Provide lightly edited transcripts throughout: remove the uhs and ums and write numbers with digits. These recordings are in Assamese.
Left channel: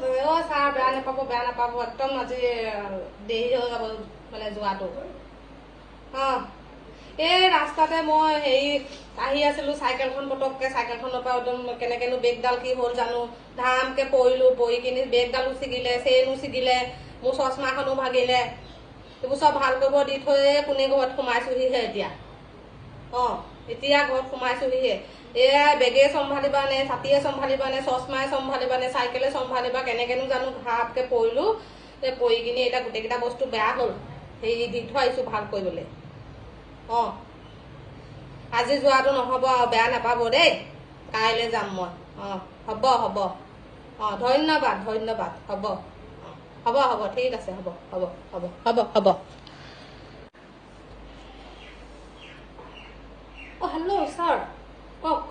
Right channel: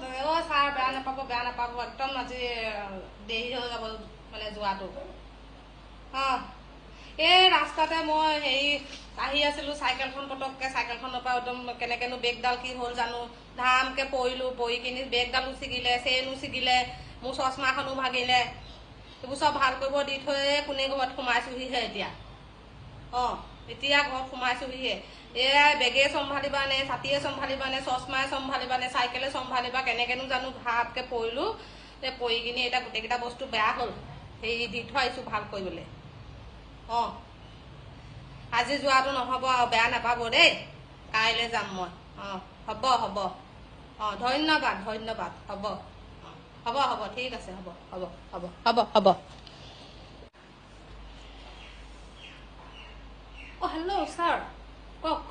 ছাৰ বেয়া নাপাব একদম আজি দেৰি হৈ যাব মানে যোৱাটো এই ৰাস্তাতে মই হেৰি আহি আছিলো চাইকেলখন পটককে চাইকেলখনৰ পৰা একদম কেনেকেনো বেগডাল কি হ'ল জানো ধামকে পৰিলো পৰি কিনি বেগডালো ছিগিলে চেইনো ছিগিলে মোৰ চশমাখনো ভাগিলে এইবোৰ চব ভাল কৰিব দি থৈ কোনে ঘৰত সোমাইছোহিহে এতিয়া ঘৰত সোমাইছোহিহে এয়া বেগে চম্ভালিবা নে ছাতিয়ে চম্ভালিবা নে চশমাই চম্ভালিবা নে চাইকেলে চম্ভালিবা কেনেকেনো জানো ঘাপকে পৰিলো পৰি কিনি এতিয়া গোটেইকেইটা বস্তু বেয়া হ'ল হেৰি দি থৈ আহিছো ভাল কৰিবলৈ আজি যোৱাটো নহ'ব আৰু বেয়া নাপাব দেই কাইলৈ যাম মই হ'ব ধন্যবাদ হ'ব ঠিক আছে হ'ব হেল্ল' ছাৰ কওক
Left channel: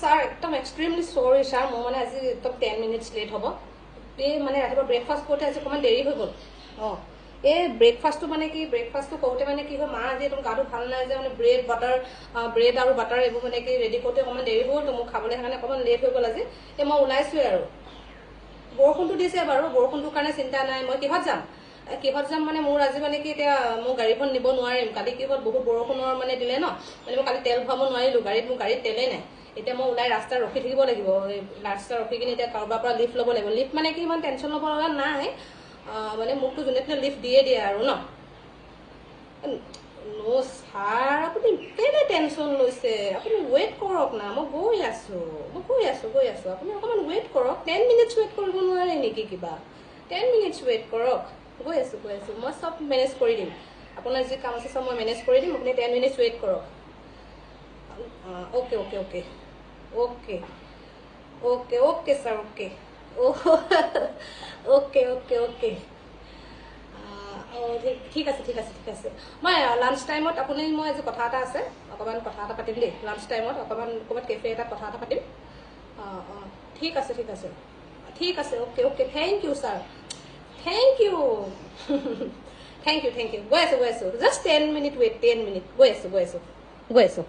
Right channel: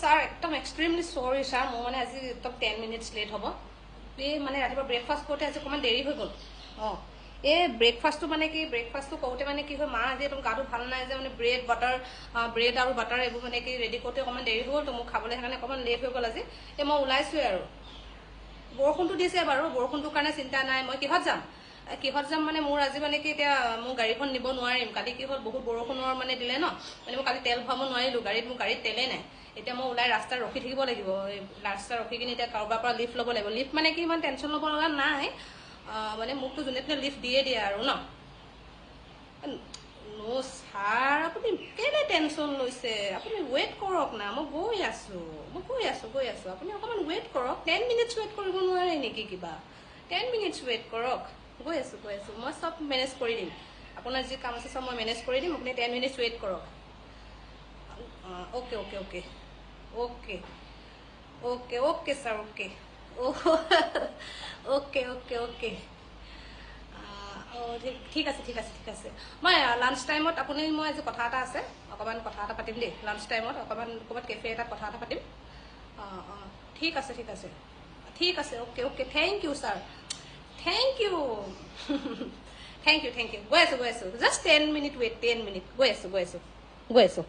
ছাৰ একদম এক্সট্ৰিমলি চৰি ছাৰ মোৰ মানে আজি একদম 10 মিনিটছ লেট হ'ব এই মানে ৰাতিপুৱা ব্ৰেকফাষ্ট কৰোঁতে আজি অকণমান দেৰি হৈ গ'ল এই ব্ৰেকফাষ্টটো মানে কি ব্ৰেকফাষ্টটো কৰোঁতে মানে কি হয় মা আজি একদম গাটো ভাল নাই যে মানে ব্ৰেড আৰু বাটাৰ এইবোৰ মানে কি ৰেডি কৰোঁতে অকণমান দেৰি হ'ল তো মোক খাবলৈ সেইকাৰণে অকণমান লেট হৈ গ'ল আজি এই মই ওলাইছোৱে আৰু বৰষুণটো দিছে বাৰু বৰষুণটোৰ কাৰণে চিন্তা নাই মই কিহত যাম মানে মোৰ আজি মানে কি এতিয়া মোৰ গাড়ীখন নিব নোৱাৰিম কালি কি হ'ল বহুত বৰষুণৰ মানে দিলে ন মানে মই কালি তেল ভৰাব নোৱাৰিলোঁ মোৰ গাড়ীত তেলেই নাই এতিয়া মই ওলাই ৰাস্তাত ৰখি থাকিব লাগিব ৰাস্তাত ৰখি কিনি এতিয়া কাৰোবাৰ পৰা লিফ্ট ল'ব লাগিব লিফ্ট মানে কি ইমান টেনশ্যন ল'ব লগা নাই মানে মোকতো যোনে তোনে লিফ্ট দিয়ে আৰু ন ছাৰ আপুনি কেলে টেনশ্যন লৈছে আপুনি ৱেইট কৰক না মই গৈ আছো আপুনি অকণমান ৱেইট কৰক 10 মিনিটছ ৱেইট কৰিব নোৱাৰে নেকি কিবা 10 মিনিটছ ৱেইট কৰক গৈ আছো মই চব মেনেজ কৰি দিম আপোনাৰ যি কাম আছে চব মই মেনেজ কৰি দিম আপুনি 10 মিনিটছ ৱেইট কৰক অ'কে ছাৰ অ'কে ঠিক আছে মই লাঞ্চ টাইমত আপুনি মই আজি কথা এটা আছে অকণমান কথা এটা পাতিম দেই লাঞ্চ টাইমত অকণমান ক'ৰবাত কেফে এটাত কথা এটা পাতিম ঠিক আছে okay thank you sir thank you গৈ আছো জাষ্ট 10 মিনিট ৱেইট 10 মিনিট গৈ আছো